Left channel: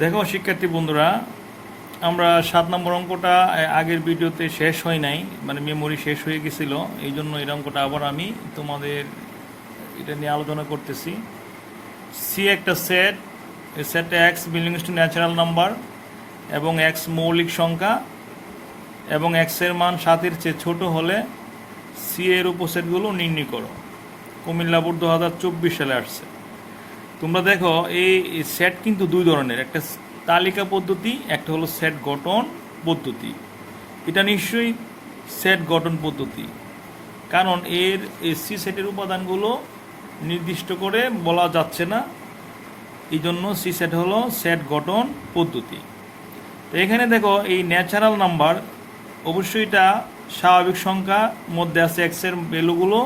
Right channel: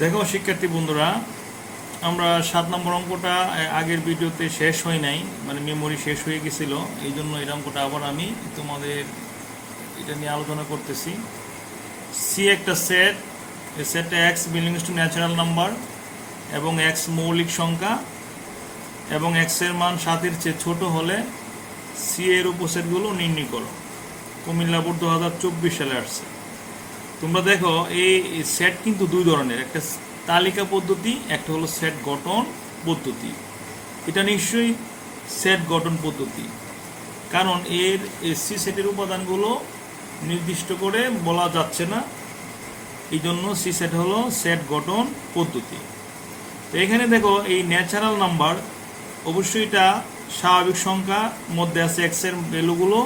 দেখো শিক্ষার্থী বন্ধুরা, আমরা 7 নম্বর অঙ্কটা আগের ভিডিওতে শেষ হয় নাই, মানে মেমোরি শেষ হয়ে গেছিল। এই জন্য এই অঙ্কটা আবার আমি তোমাদের এটা নিয়ে আলোচনা করতেছি। সি একটা সেট, এই সেটটা x belongs to natural number এবং এক্স মৌলিক সংখ্যা এবং এক্সের মান 7-এর চেয়ে ছোট হলে সি এর উপসেটগুলো নির্ণয় করো। কুমিল্লা বোর্ড 2024 সালে আসছে। তোমরা দেখো এই সেট কিন্তু দুই ধরনের, একটা তালিকা পদ্ধতি, একটা হলো সেট গঠন পদ্ধতি। এটা নিশ্চয়ই সেট গঠন পদ্ধতি, কারণ এর সি সেটের উপাদানগুলো নির্দিষ্ট করে বলা যাচ্ছে না, এই জন্য সি সেট হলো সেট গঠন পদ্ধতি। তো এখানে দেখো এই ন্যাচারাল নাম্বার, অবশ্যই এটা স্বাভাবিক সংখ্যা, মধ্যে আছে এক্সের ভ্যালুগুলো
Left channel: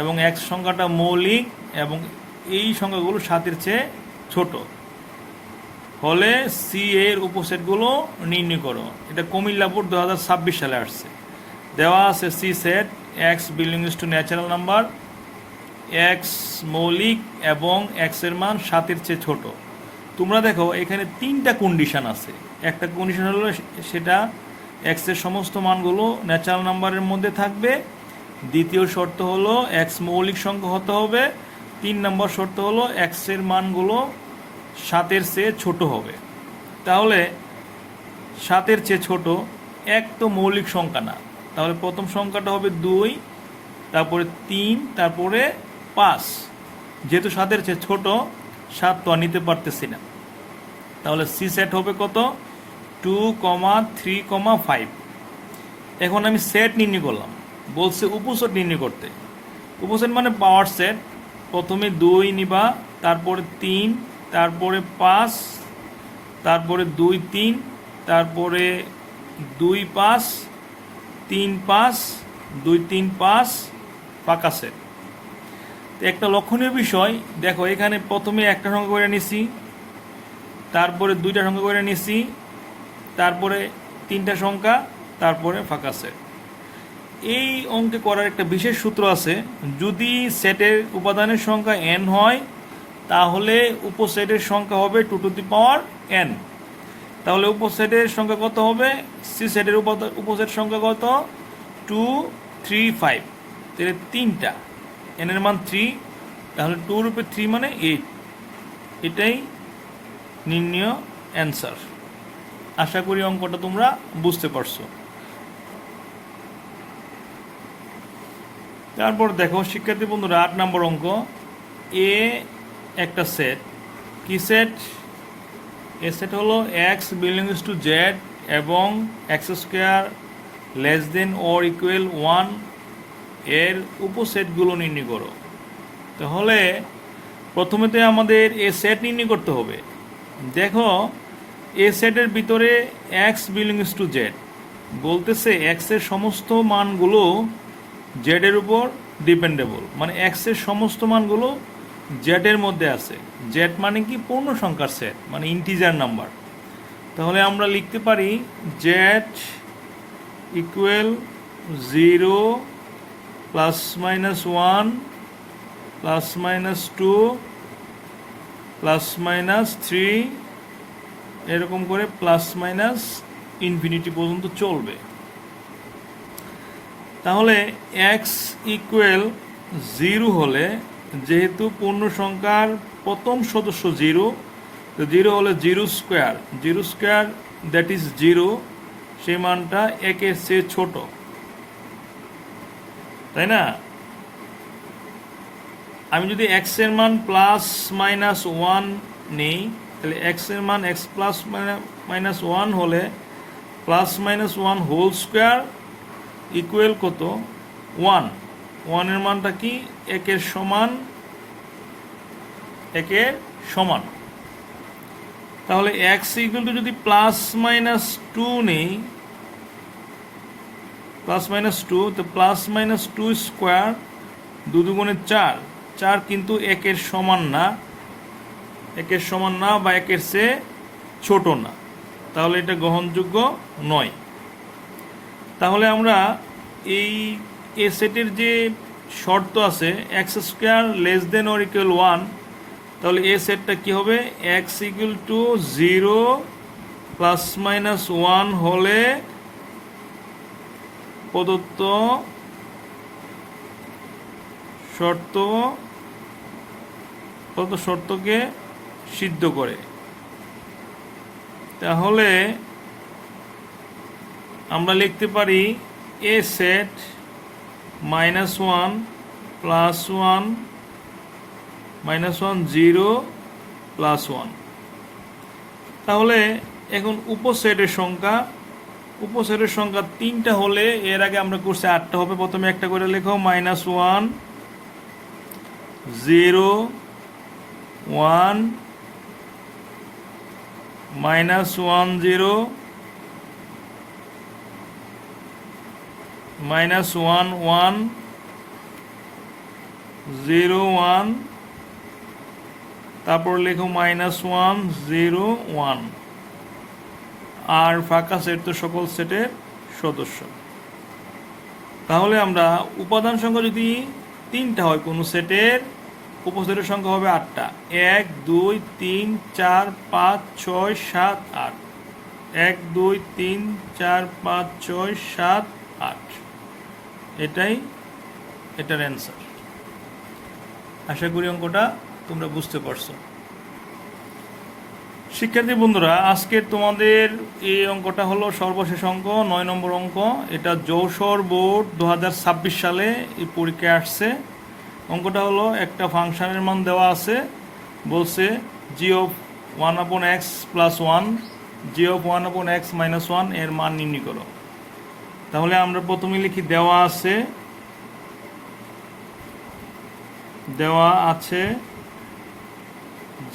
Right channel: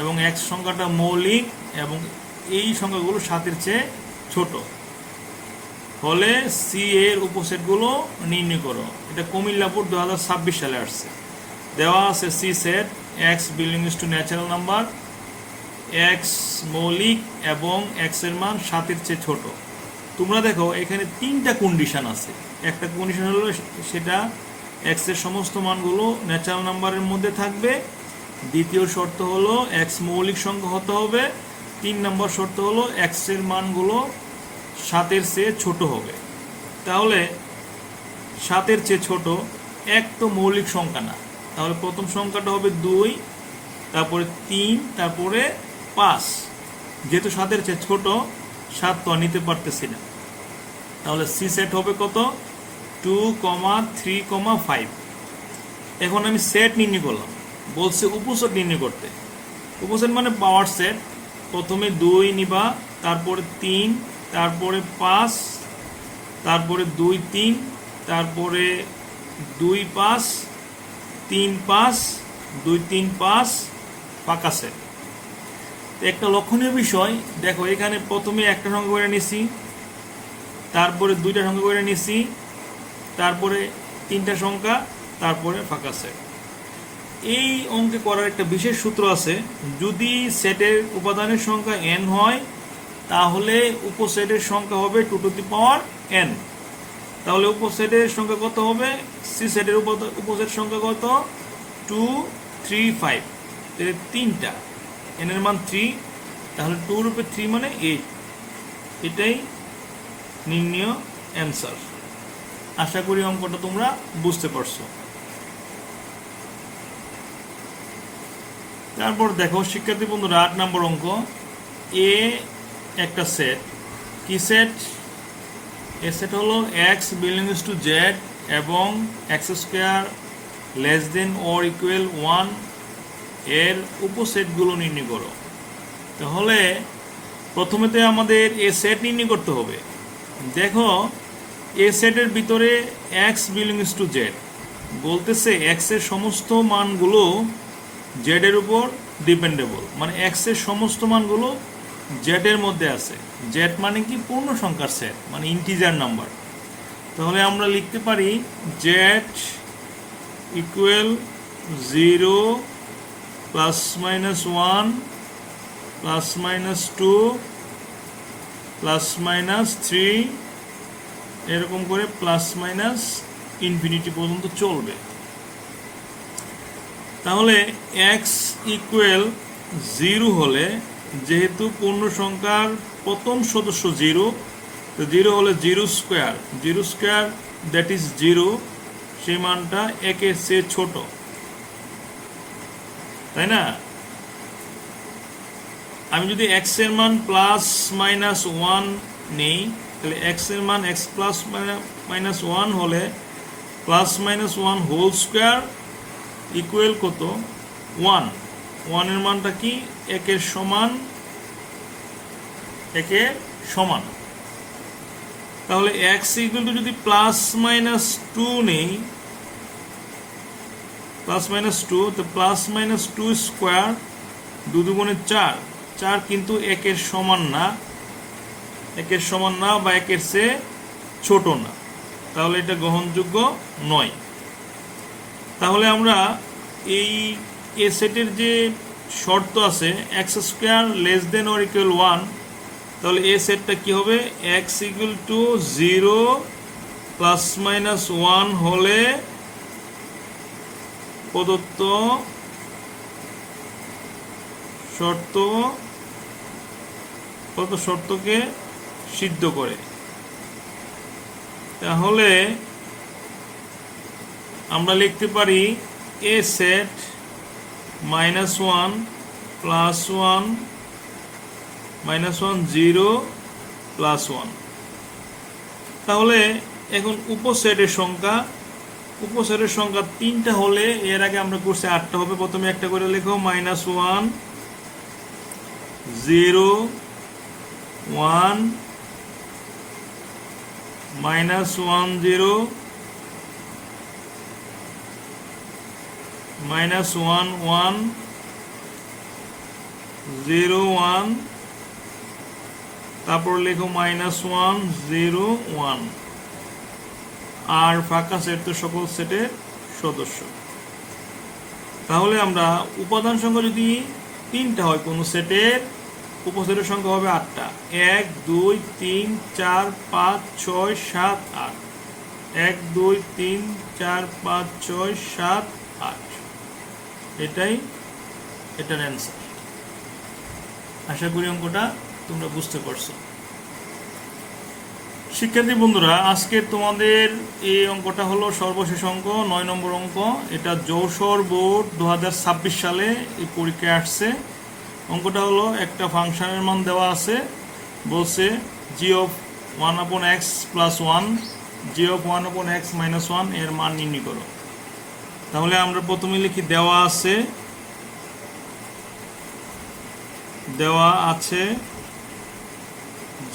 এবং এক্স সংখ্যাটা মৌলিক এবং এই সংখ্যাগুলো 7-এর চেয়ে ছোট হলে সি এর উপসেটগুলো নির্ণয় করো। এটা কুমিল্লা বোর্ড 2026 সালে আসছে। দেওয়া আছে C set x belongs to natural number, x মৌলিক এবং এক্স এর মান 7-এর চেয়ে ছোট। তোমরা দেখো এখানে 3টা কন্ডিশন আছে। একটা কন্ডিশন হলো সেটা এক্স এর সমস্ত মানগুলো ন্যাচারাল নাম্বারের মধ্যে থাকবে। দ্বিতীয় শর্ত হলো এক্স মৌলিক সংখ্যা হতে হবে। 3 নম্বর শর্ত হলো এক্স এর মানগুলো 7-এর চেয়ে ছোট হবে। তাহলে 7-এর চেয়ে ছোট এক তো মৌলিক সংখ্যা না, তাহলে প্রথম সংখ্যাটা হবে 2, তারপরে 3, তারপরে 5। যেহেতু 7-এর চেয়ে ছোট, 7 তো আর নিতে পারতেছি না, তাহলে সি সেট হবে কত? 2, 3, 5। এখন আমি সেট নির্ণয় করলাম, বলছে উপসেট নির্ণয় করতে। উপসেট মানে পাওয়ার সেট। প্রথমে 2 নিবা, তারপরে 3, তারপরে 5, তারপরে 2, 3, তারপরে 2, 5, 3, 5, 2, 3, 5 ফাঁকা সেট। একটা লক্ষণীয় বিষয় দেখো, এখানে প্রথমে একটা সংখ্যা করে নিছি, তারপরে 2টা সংখ্যা করে নিছি, তারপরে 3টা সংখ্যা, তারপরে ফাঁকা সেট। এই অঙ্কে করার একটা বিশেষ সূত্র আছে। যদি সেটের উপাদানের সংখ্যা n হয়, তাহলে উপসেটের সংখ্যা হবে 2 টু দি পাওয়ার n। তাহলে উপসেটের সংখ্যা কত হবে? সি সেটের উপসেট সংখ্যা কত? 2, 3, 5। তাহলে 3টা, n এর মান 3, তাহলে 2 রূপে 3 মানে 8। এটাই নির্ণয় অ্যান্সার। আশা করি অঙ্কটা তোমরা বুঝতে পারছো। তারপর দেখো শিক্ষার্থী বন্ধুরা, 8 নম্বর অঙ্ক। এ একটা সেট, কি সেট? এ সেট হলো এক্স বিলংস টু জেড এবং x square less than or equal 1 এর উপসেটগুলো নির্ণয় করো। তাহলে প্রথমেতে আমাদের এ সেট নির্ণয় করতে হবে। দেখো এ সেটের ভিতরে এক্স বিলংস টু জেড বলতেছে এক্স এর সমস্ত মানগুলো জেড এর উপর ডিপেন্ডেবল, মানে এক্স এর সমস্ত মানগুলো জেড এর মধ্যে আছে। জেড মানে কি? পূর্ণ সংখ্যার সেট, মানে ইন্টিজার নাম্বার। তাহলে আমরা লিখতে পারি জেড ইকুয়াল 0 +-1 +-2 +-3, এরকম করে +-ইনফিনিটি পর্যন্ত চলবে। তাহলে এক্স ইকুয়াল 0 হলে, যেহেতু পূর্ণ সংখ্যার প্রথম সদস্য 0, তো 0 হলে 0 স্কোয়ার, 0 স্কোয়ার দ্যাট ইজ 0, সেই মানটা 1-এর চেয়ে ছোট, তাই না? আমি যদি এক্স এর মান +-1 নেই, তাহলে এক্স এর মান x +-1 হলে +-1 হোল স্কোয়ার ইকুয়াল কত? 1। 1 এর মানটা কি? 1-এর সমান, 1-এর সমান। তাহলে x ইকুয়াল টু যদি +-2 নেই, +-2, তো +-2 স্কোয়ার 2 দুগুণে 4, 4 কিন্তু 1-এর সমান না, 1-এর সমান না বা 1-এর চেয়ে ছোট না, তাহলে এটা গ্রহণযোগ্য নয়। তাহলে আমরা এই এ সেটের যে শর্ত আছে, x square less than or equal 1, তাহলে এ সেটটা কি হবে, x equal to 0 plus minus 1 হলে প্রদত্ত শর্তকে সিদ্ধ করে। তাহলে আমরা লিখতে পারি এ সেট -1 প্লাস 1 -1 0 প্লাস 1। তাহলে এখন উপসেটের সংখ্যা 3টা হলে, এর আগে আমরা করছি 8টা হবে। প্রথমে একটা করে লেখো, -1 0 1 -1 0 -1 1 0 1, তারপর লেখো -1 0 1। আর ফাঁকা সেট তো সকল সেটের সদস্য। তাহলে আমরা উপাদান সংখ্যা যদি 3টা হয় কোনো সেটের, উপসেটের সংখ্যা হবে 8টা। 1 2 3 4 5 6 7 8। 1 2 3 4 5 6 7 8। এটার অ্যান্সার। আশা করি অঙ্কটা তোমরা বুঝতে পারছো। শিক্ষার্থী বন্ধুরা, আজকে তোমাদের এই অঙ্কটা হলো সর্বশেষ অঙ্ক, 9 নম্বর অঙ্ক। এটা যশোর বোর্ড 2026 সালে এই পরীক্ষায় আসছে। অঙ্কটা হলো একটা ফাংশনের মান দেওয়া আছে, বলছে g(1/x + 1 g(1/x - 1) এর মান নির্ণয় করো। তাহলে আমরা প্রথমে লিখি, দেওয়া আছে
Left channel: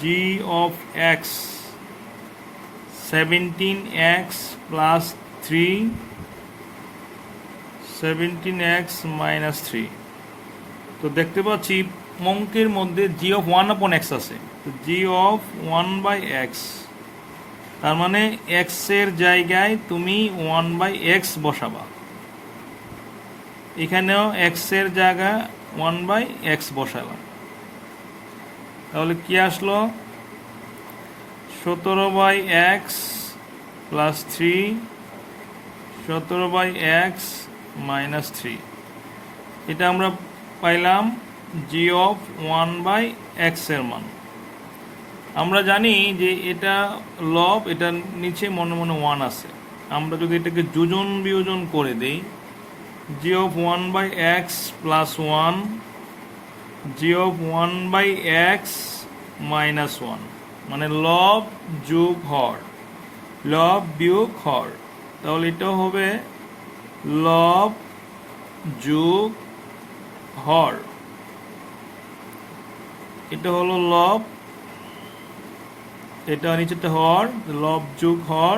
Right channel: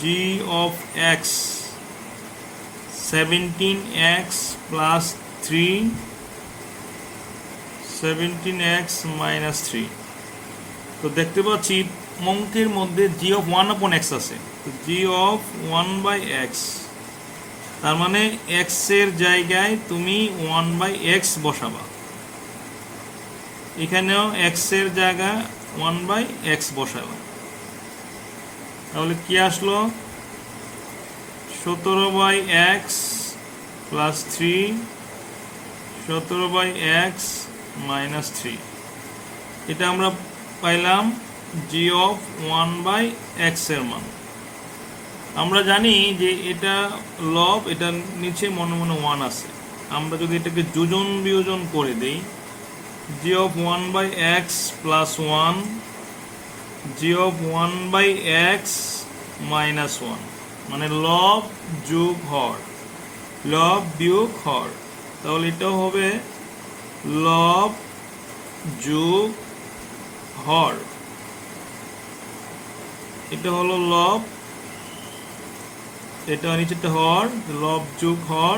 g(x) 17x + 3 17x - 3। তো দেখতে পাচ্ছি অঙ্কের মধ্যে g(1/x) আছে। তো g(1/x), তার মানে x এর জায়গায় তুমি 1/x বসাবা। এখানেও x এর জায়গায় 1/x বসাবা। তাহলে কি আসলো, 17/x + 3 17/x - 3। এটা আমরা পাইলাম g(1/x) এর মান। আমরা জানি যে এটা লব, এটা নিচে মনে মনে 1 আছে। আমরা যদি এটাকে যোজন বিয়োজন করে দেই, g(1/x + 1 g(1/x - 1), মানে লব যোগ হর, লব বিয়োগ হর। তাহলে এটাও হবে লব যোগ হর। এটা হলো লব, এটা নিচেটা হর, লব যোগ হর।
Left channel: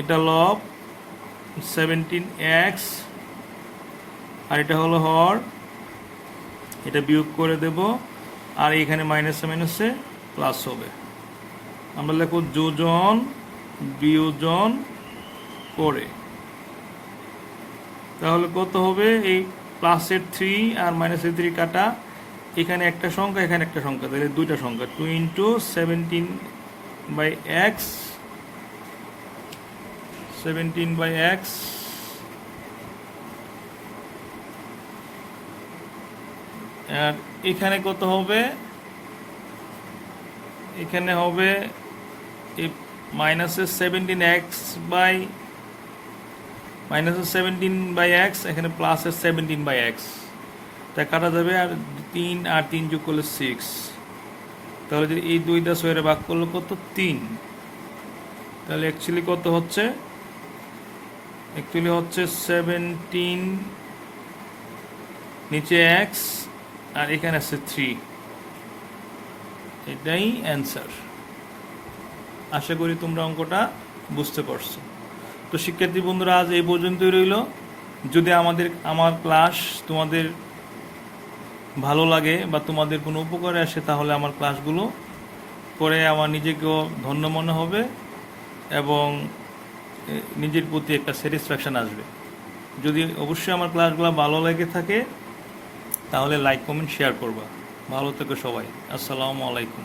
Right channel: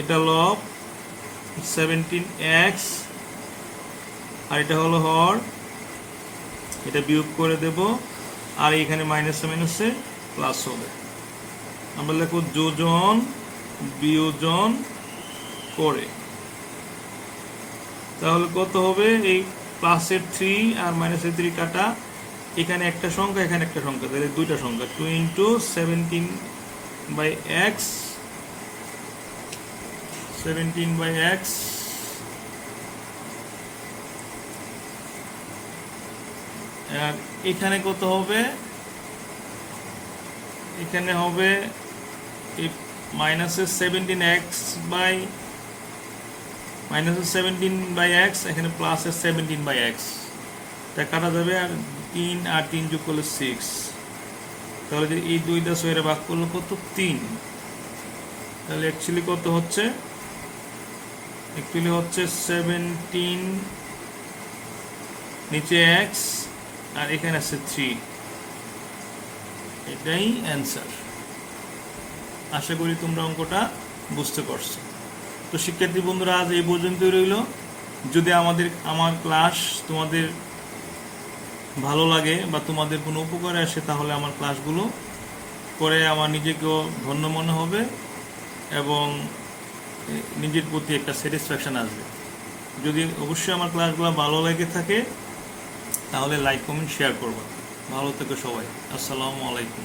এটা লব 17x, আর এটা হলো হর, এটা বিয়োগ করে দেব। আর এখানে মাইনাসে মাইনাসে প্লাস হবে। আমরা লিখব যোজন বিয়োজন করে। তাহলে কত হবে, এই প্লাসের 3 আর মাইনাসের 3 কাটা, এখানে একটা সংখ্যা এখানে একটা সংখ্যা, তাহলে দুইটা সংখ্যা, 2 × 17/x 17/x। আর এখানে কত হবে, এখানে হবে এই -17x, এখানে প্লাসের 17/x, তা কাটা যাবে। আর 3 আর 3 যোগ করলে 6। তাহলে যদি এই 2 দিয়ে 6 ভাগ করলে কত, 3। তাহলে অ্যাকচুয়ালি কত হচ্ছে, 17 নিচে x আর এখানে আছে 3। এটাই অ্যান্সার। আশা করি তোমরা অঙ্কটা বুঝতে পারছো। তো শিক্ষার্থী বন্ধুরা, আজ এই পর্যন্তই রইল। যদি আমার ক্লাস তোমাদের ভালো লাগে বা তোমাদের কোনো উপকারে আসে, তাহলে আমার ক্লাসগুলো করে আমার নিজেকেও ধন্য মনে হবে এবং নিজের প্রতি একটা স্যাটিসফ্যাকশান আসবে। যদি অবশ্যই আমার ক্লাসগুলো ভালো লেগে থাকে, তাহলে লাইক কমেন্ট শেয়ার করবো। ভালো থেকো সবাই। আসসালামু আলাইকুম।